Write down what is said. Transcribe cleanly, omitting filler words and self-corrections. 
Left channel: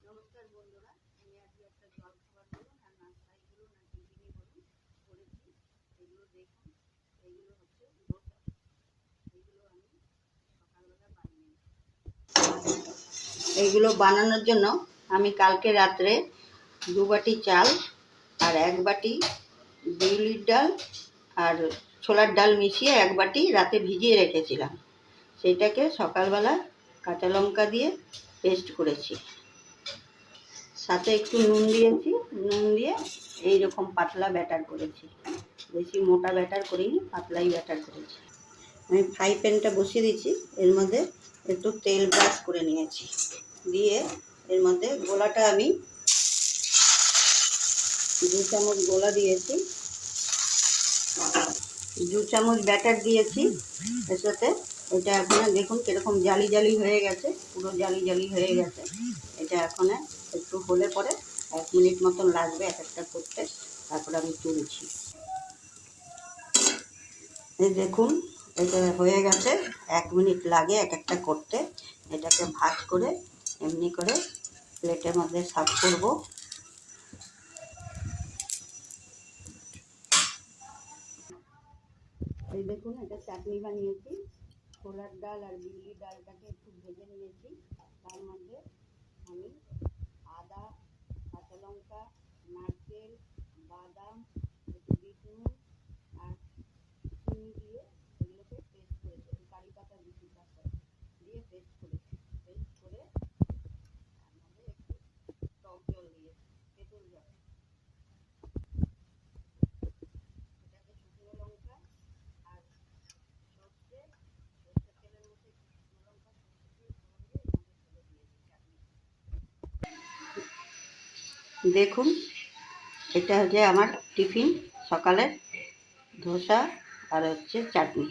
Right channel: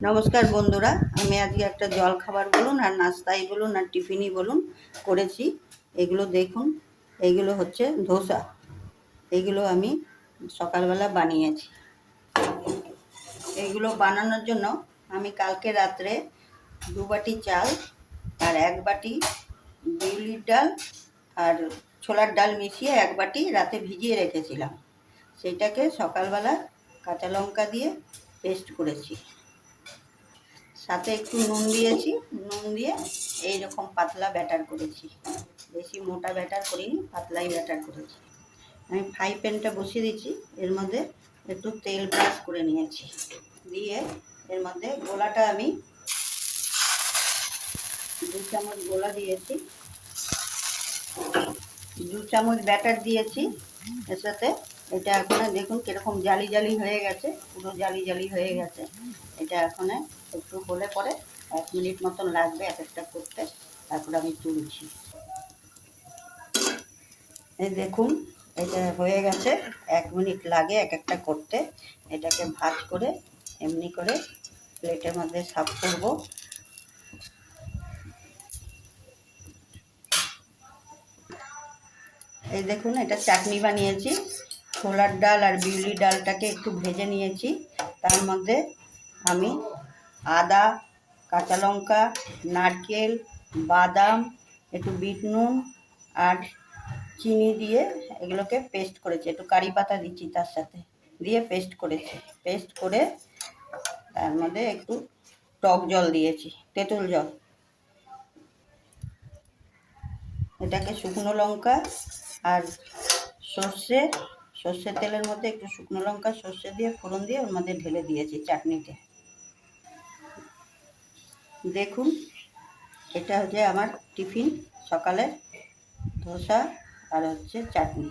নমস্কার বন্ধুরা, আমি আজকে একটা জল খাবার বলুন আর নাস্তাই বলুন আর টিফিনই বলুন করেছি। এগুলো দেখুন, এইগুলো হচ্ছে ধোসা। এইগুলো আমি সকালবেলা বানিয়েছি। এইগুলো বানানোর জন্য আমি কালকে রাত্রে 2 বাটি চাল আর 1 বাটি বিউলির ডাল আর ছোলার ডাল মিশিয়ে 1 বাটি রাতে ভিজিয়ে রেখেছিলাম। সেটাকে সকালবেলা কাঁচা লঙ্কা দিয়ে পেস্ট করেছি, সাথে একটু নুন দিয়েছি। নুন দিয়ে এইরকম পাতলা ব্যাটার করেছি, বেশি মোটা ব্যাটার করিনি, পাতলাই ব্যাটার করেছি। আমি ফ্রাই প্যানটা বসিয়ে দিচ্ছি, এর মধ্যে একটু তেল ব্রাশ করে নিয়েছি, দিয়ে এর মধ্যে গোলাটা আমি 2 চামচ গোলা দিয়েছি, 2 চামচ ব্যাটার দিয়েছি এর সাথে। এটা এখন দেখুন কীরকম জালি জালি হয়ে গেছে, পুরো জালি জালি হয়ে গেছে। এটা এখন একটু হলে পরে 1 মিনিট মতন লাগবে এক একটা করতে, তারপরে আমি তুলছি। এই দেখুন এটা হয়ে গেছে, 1 মিনিট লাগে এক একটা করতে। এটাকে ভাঁজ করে এমনি করে প্লেটের মধ্যে সার্ভ করব। এই দেখুন এটা চাটনি বানিয়েছি। ছোলার ডাল আর বিউলি ডালটাকে একটু ভেজে নিয়েছি, তার মধ্যে আমি আদা, কাঁচা লঙ্কা, নারকেল, বাদাম, একটু বিট নুন আর চিনি দিয়ে এগুলোকে পেস্ট করেছি। একটু কারি পাতা দিচ্ছি তার সাথে, দিয়ে পেস্ট করেছি। পেস্ট করে তার মধ্যে একটু টক জল দিয়েছি, তেঁতুল জল। এটাকে শুকনো লঙ্কা আর সর্ষের তেলের মধ্যে একটু শুকনো লঙ্কা সর্ষে দিয়ে ফোড়ন দিয়ে ওর মধ্যে ঢেলে দিয়েছি চাটনিতে। দেখুন এটা হচ্ছে আমার টিফিন সকালের ধোসা আর হচ্ছে চাটনি।